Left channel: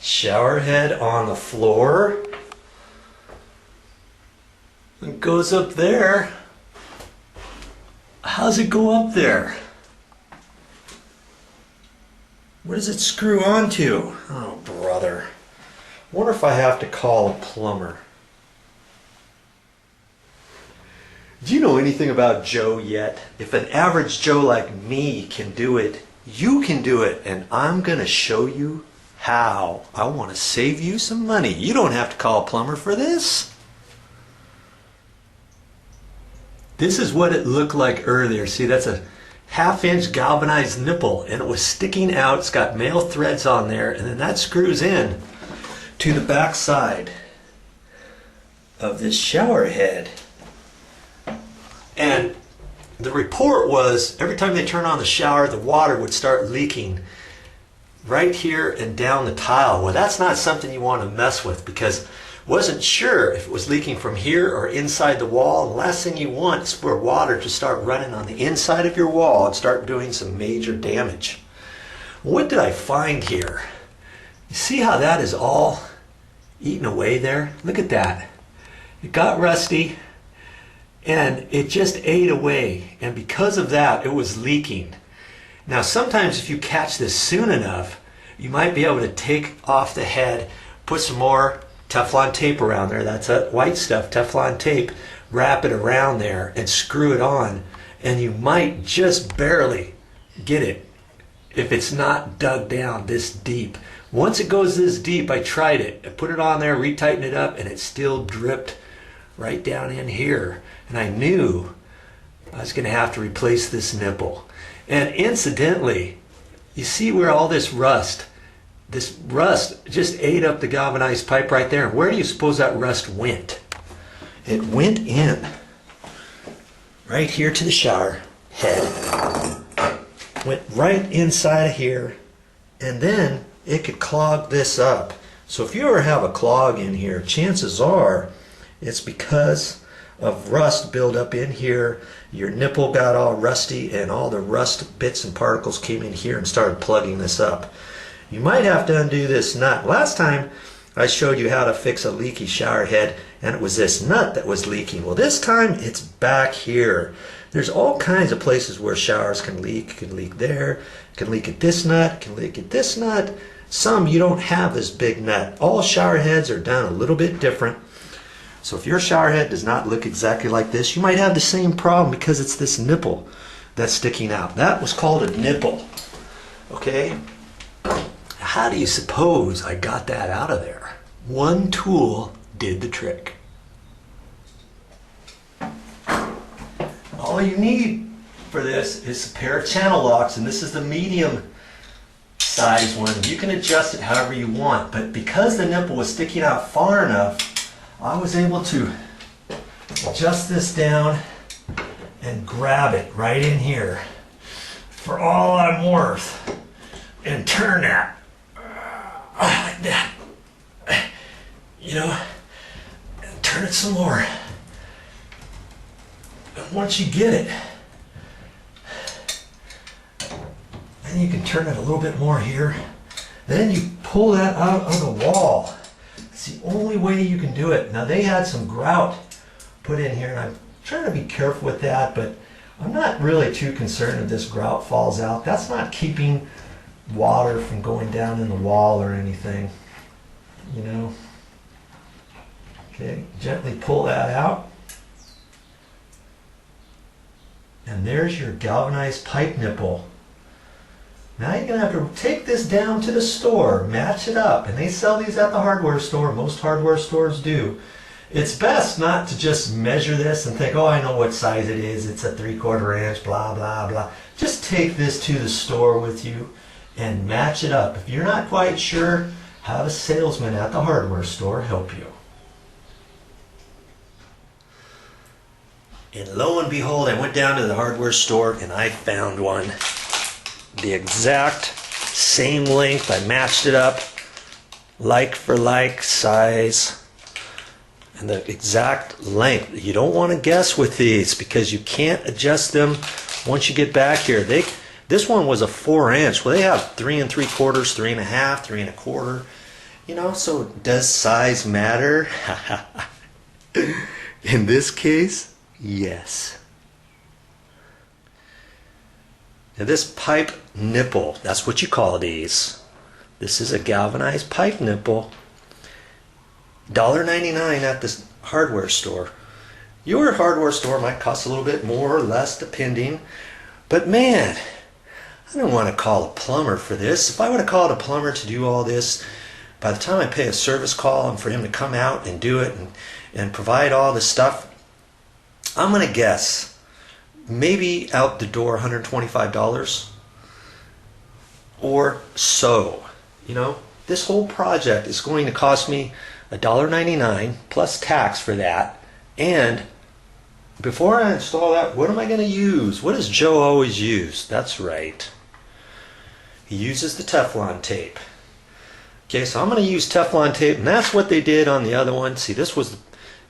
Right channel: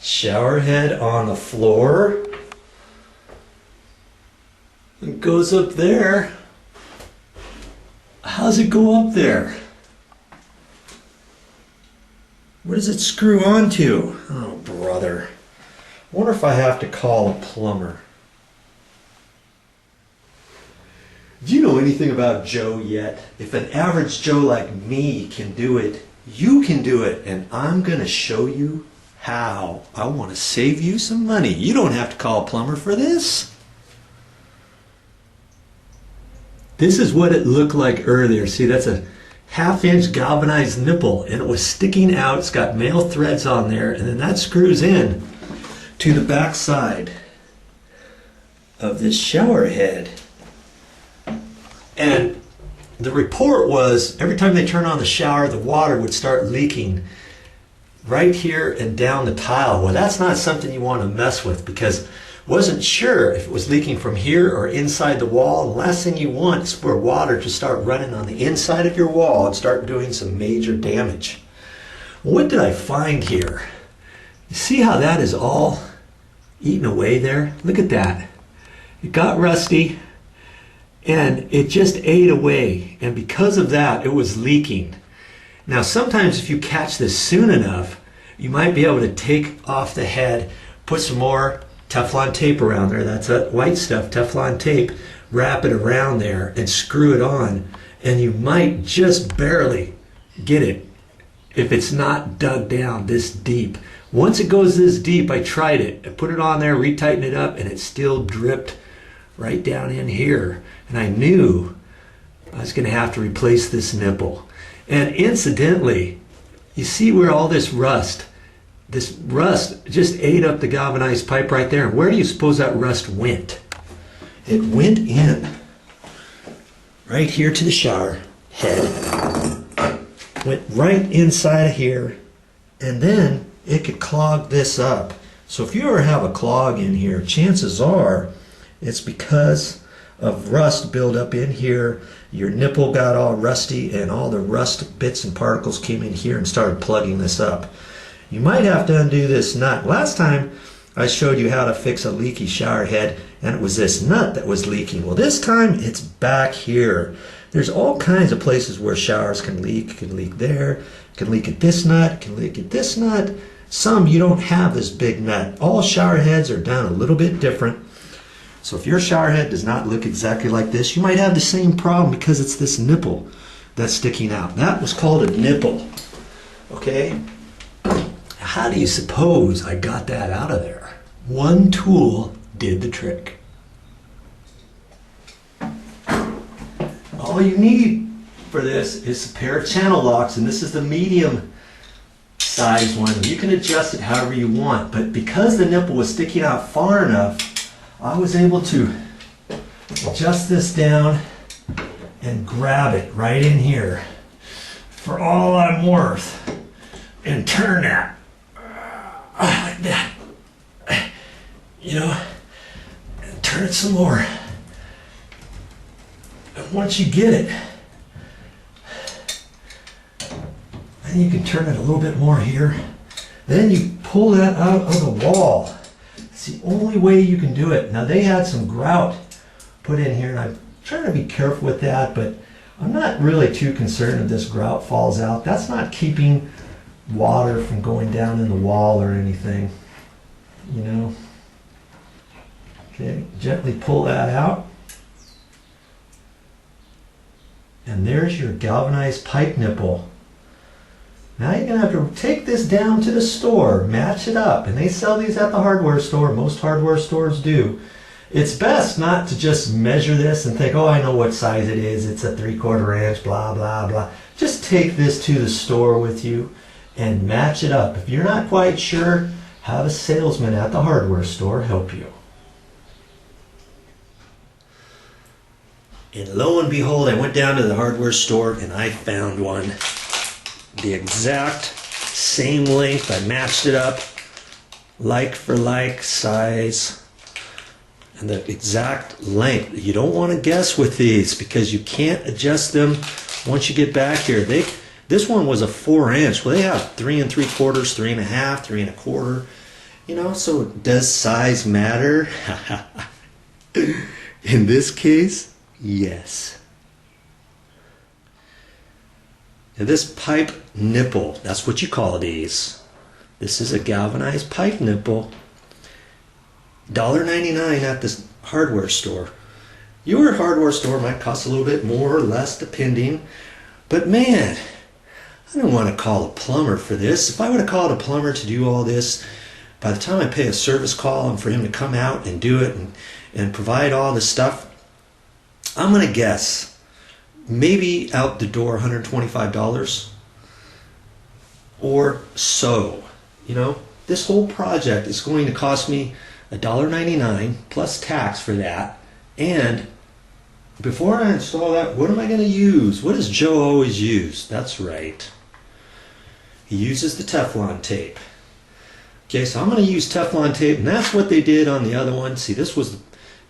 Shower head on the floor. It goes up there. How's it go up there? Where does it screw onto? Oh, brother. Wonder if I have to call a plumber. Do you know anything about Joe yet? If an average Joe like me can do it, you can do it. And I'm going to show you how. I want to save you some money. You don't have to call a plumber for this. This is what it looked like earlier. See, that's a 1/2-inch galvanized nipple, and it was sticking out. It's got male threads on there, and then that screws in to the back side of this shower head. And the report was every time they turn on the shower, the water would start leaking right here and down the tile. Well, that's not something you want to mess with, because wasn't sure if it was leaking from here or inside the wall. The last thing you want is for water to start running on the inside of your wall and start doing some major damage. What did I find here? You see how that is all eaten away there? Look at that. It got rusty and it just ate away, and because of that it was leaking. Now sometimes if you catch this soon enough, you might be able to take off the head, put some more Teflon tape around there. That's that white stuff, Teflon tape. Wrap it around there and screw it on, and you might just barely get it if it's not dug down this deep. Once it goes this deep, I tried it. I put it on there, retightened it up, and it still dripped right down in here. And I knew I was going to have to replace this nipple. And incidentally, you see where all this rust just ate up the galvanized pipe right there. And where do you suppose that rust went? It went in right here to the shower head. Went right inside of here, and then it could clog this up. So if you ever have a clog in here, chances are it's because of rust buildup in here. Your nipple got all rusty, and all the rust bits and particles came in here and started plugging this up. You might have to undo this nut. Last time I showed you how to fix a leaky shower head, and it was this nut that was leaking. Well, this time it's back here. There's all kinds of places where showers can leak. It can leak there, it can leak at this nut, it can leak at this nut. Some you don't have this big nut. All shower heads are done a little bit different. So if your shower head does not look exactly like this, you might have the same problem because it's this nipple that's sticking out. That was called a nipple. Okay? How do you suppose I got that out of there? One tool did the trick. All you need for this is a pair of channel locks, and this is the medium size one. You can adjust it however you want, but because the nipple was sticking out far enough, I was able to adjust this down and grab it right in here for all I'm worth and turn that like that, you know, and turn it some more. And once you get it, then you can turn it a little bit more here. Then you pull that out of the wall. It's the only way you can do it. Now they had some grout put in here, and I'm trying to be careful with that, but I'm not really too concerned if this grout falls out. That's not keeping water from going down in the wall or anything, you know. Okay, gently pull that out. And there's your galvanized pipe nipple. Now you're going to have to take this down to the store, match it up, and they sell these at the hardware store. Most hardware stores do. It's best not to just measure this and think, oh, I know what size it is. It's a 3/4 inch, blah, blah, blah. Just take this to the store with you and match it up. If you're not quite sure, have a salesman at the hardware store help you. And lo and behold, I went down to the hardware store and I found one. The exact same length. I matched it up, like for like size, and the exact length. You don't want to guess with these because you can't adjust them once you get back here. This one was a 4-inch. Well, they have 3 3/4, 3 1/2, 3 1/4. You know, so does size matter? In this case, yes. Now this pipe nipple, that's what you call these. This is a galvanized pipe nipple. $1.99 at this hardware store. Your hardware store might cost a little bit more or less depending. But man, I don't want to call a plumber for this. If I would have called a plumber to do all this, by the time I pay a service call and for him to come out and do it and provide all this stuff, I'm going to guess maybe out the door $125 or so. You know, this whole project is going to cost me $1.99 plus tax for that. And before I install that, what am I going to use? What does Joe always use? That's right. He uses the Teflon tape. Okay, so I'm going to use Teflon tape, and that's what they did on the other one. See, this was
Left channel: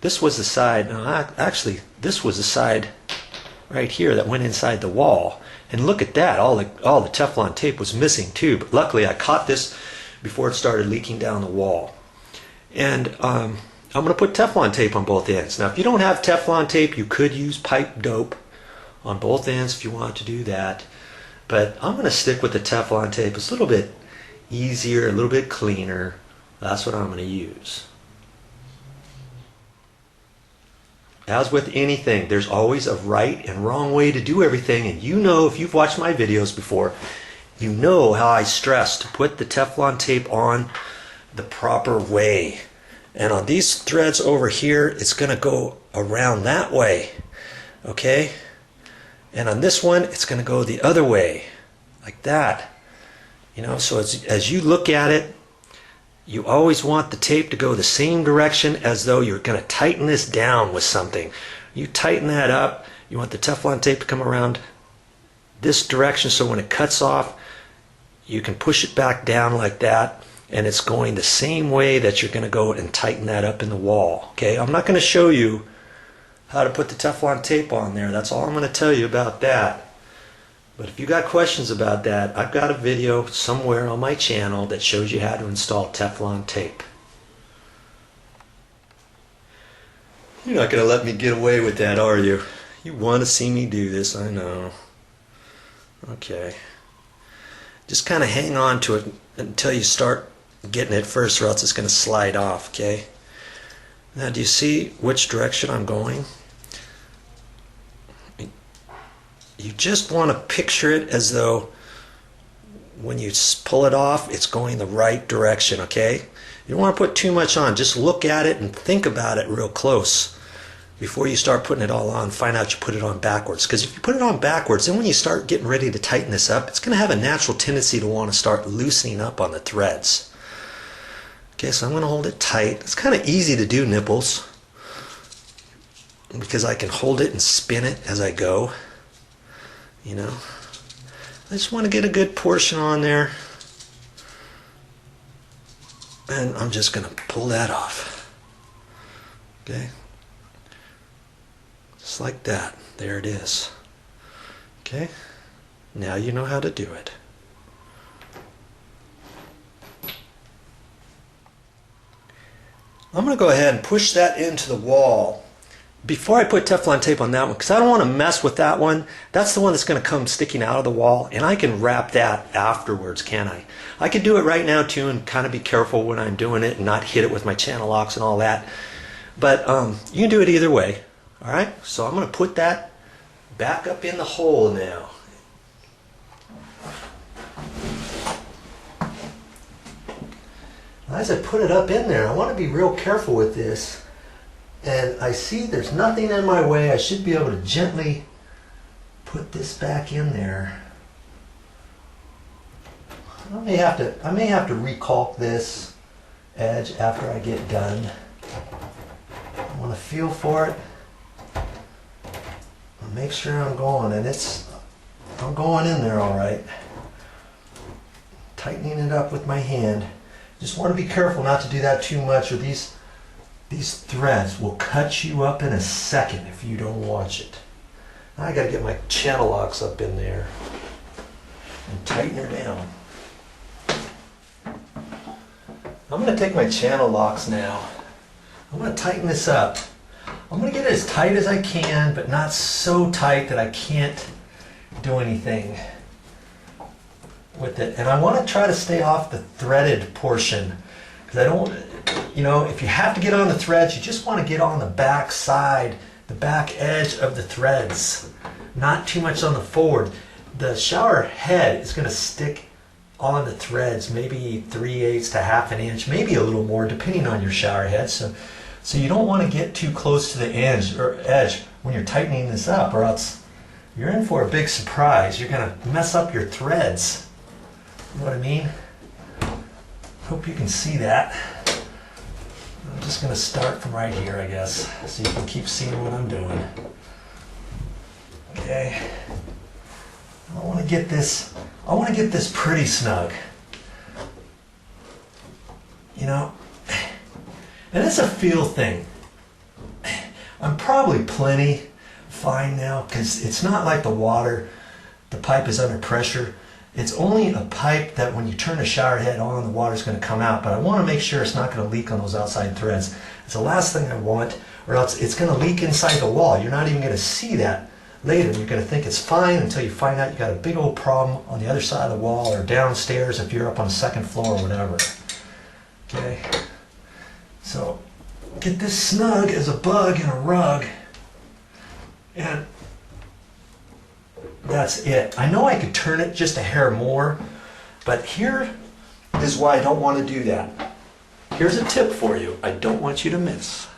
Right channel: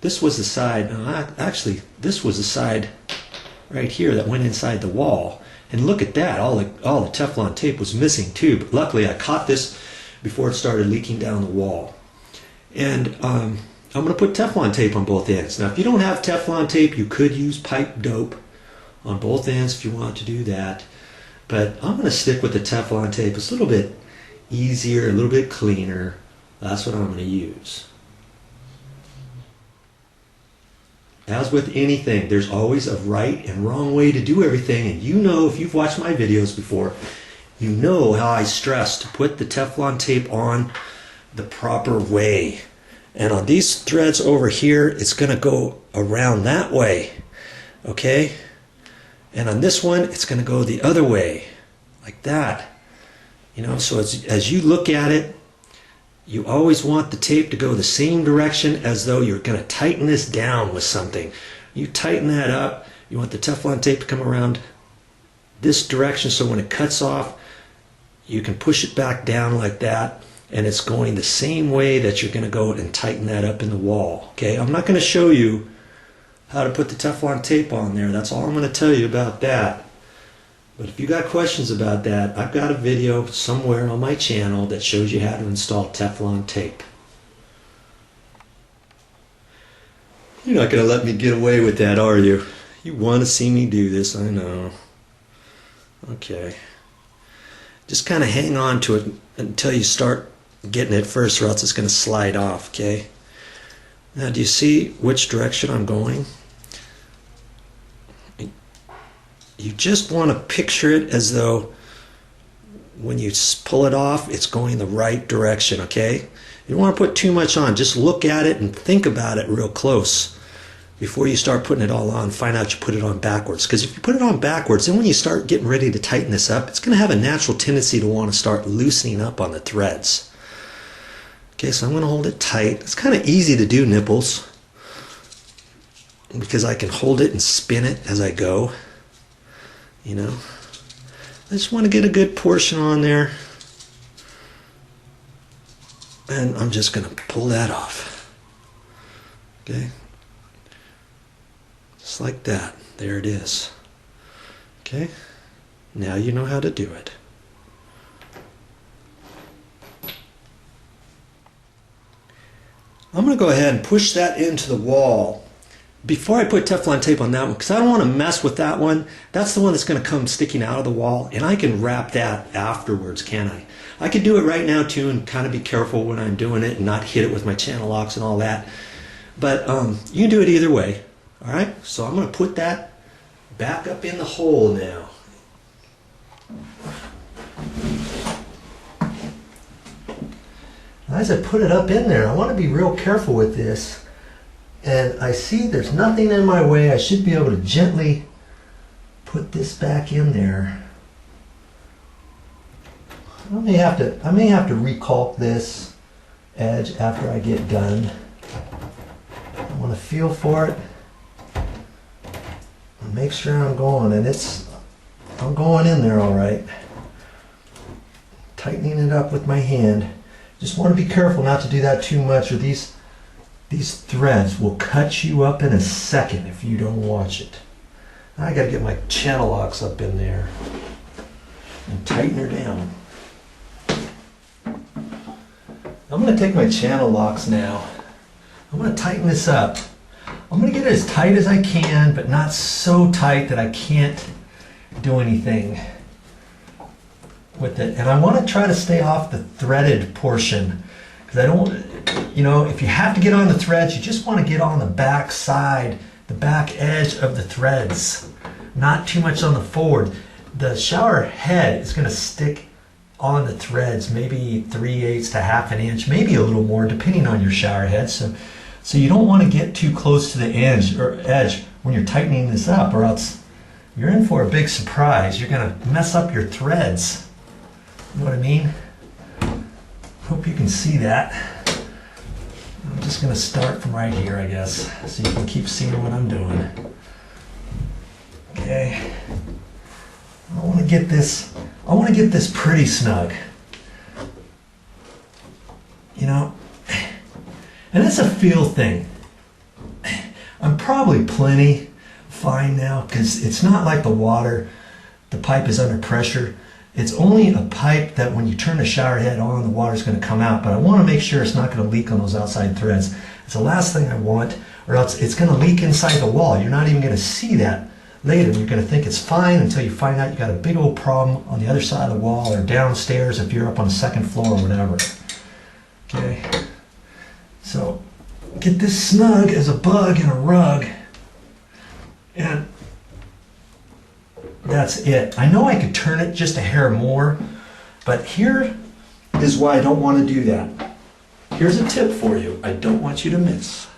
the side. No, actually, this was the side right here that went inside the wall. And look at that. All the Teflon tape was missing too. But luckily, I caught this before it started leaking down the wall. And I'm going to put Teflon tape on both ends. Now, if you don't have Teflon tape, you could use pipe dope on both ends if you want to do that. But I'm going to stick with the Teflon tape. It's a little bit easier, a little bit cleaner. That's what I'm going to use. As with anything, there's always a right and wrong way to do everything. And you know, if you've watched my videos before, you know how I stress to put the Teflon tape on the proper way. And on these threads over here, it's going to go around that way. Okay? And on this one, it's going to go the other way. Like that. You know, so as you look at it, you always want the tape to go the same direction as though you're going to tighten this down with something. You tighten that up, you want the Teflon tape to come around this direction so when it cuts off, you can push it back down like that, and it's going the same way that you're going to go and tighten that up in the wall. Okay, I'm not going to show you how to put the Teflon tape on there. That's all I'm going to tell you about that. But if you got questions about that, I've got a video somewhere on my channel that shows you how to install Teflon tape. You're not going to let me get away with that, are you? You want to see me do this, I know. Okay. Just kind of hang on to it until you start getting it first, or else it's going to slide off, okay? Now, do you see which direction I'm going? You just want to picture it as though when you pull it off, it's going the right direction, okay? You don't want to put too much on. Just look at it and think about it real close before you start putting it all on. Find out you put it on backwards. Because if you put it on backwards, then when you start getting ready to tighten this up, it's going to have a natural tendency to want to start loosening up on the threads. Okay, so I'm going to hold it tight. It's kind of easy to do nipples because I can hold it and spin it as I go. You know, I just want to get a good portion on there, and I'm just going to pull that off. Okay, just like that. There it is. Okay, now you know how to do it. I'm going to go ahead and push that into the wall before I put Teflon tape on that one, because I don't want to mess with that one. That's the one that's going to come sticking out of the wall, and I can wrap that afterwards, can't I? I could do it right now too and kind of be careful when I'm doing it and not hit it with my channel locks and all that. But you can do it either way. All right, so I'm going to put that back up in the hole now. As I put it up in there, I want to be real careful with this. And I see there's nothing in my way. I should be able to gently put this back in there. I may have to recalk this edge after I get done. I want to feel for it and make sure I'm going, and I'm going in there all right. Tightening it up with my hand. Just want to be careful not to do that too much, or these threads will cut you up in a second if you don't watch it. Now I got to get my channel locks up in there. and tighten her down. I'm going to take my channel locks now. I'm going to tighten this up. I'm going to get it as tight as I can, but not so tight that I can't do anything with it. And I want to try to stay off the threaded portion, because I don't, you know, if you have to get on the threads, you just want to get on the back side, the back edge of the threads, not too much on the forward. The shower head is going to stick on the threads, maybe 3/8 to half an inch, maybe a little more, depending on your shower head. So you don't want to get too close to the edge when you're tightening this up, or else you're in for a big surprise. You're going to mess up your threads. You know what I mean? Hope you can see that. I'm just going to start from right here, I guess, so you can keep seeing what I'm doing. Okay. I want to get this pretty snug. You know, and it's a feel thing. I'm probably plenty fine now, because it's not like the pipe is under pressure. It's only a pipe that when you turn the shower head on, the water's going to come out, but I want to make sure it's not going to leak on those outside threads. It's the last thing I want, or else it's going to leak inside the wall. You're not even going to see that later. You're going to think it's fine until you find out you got a big old problem on the other side of the wall, or downstairs if you're up on the second floor or whatever. Okay, so get this snug as a bug in a rug, and that's it. I know I could turn it just a hair more, but here is why I don't want to do that. Here's a tip for you I don't want you to miss.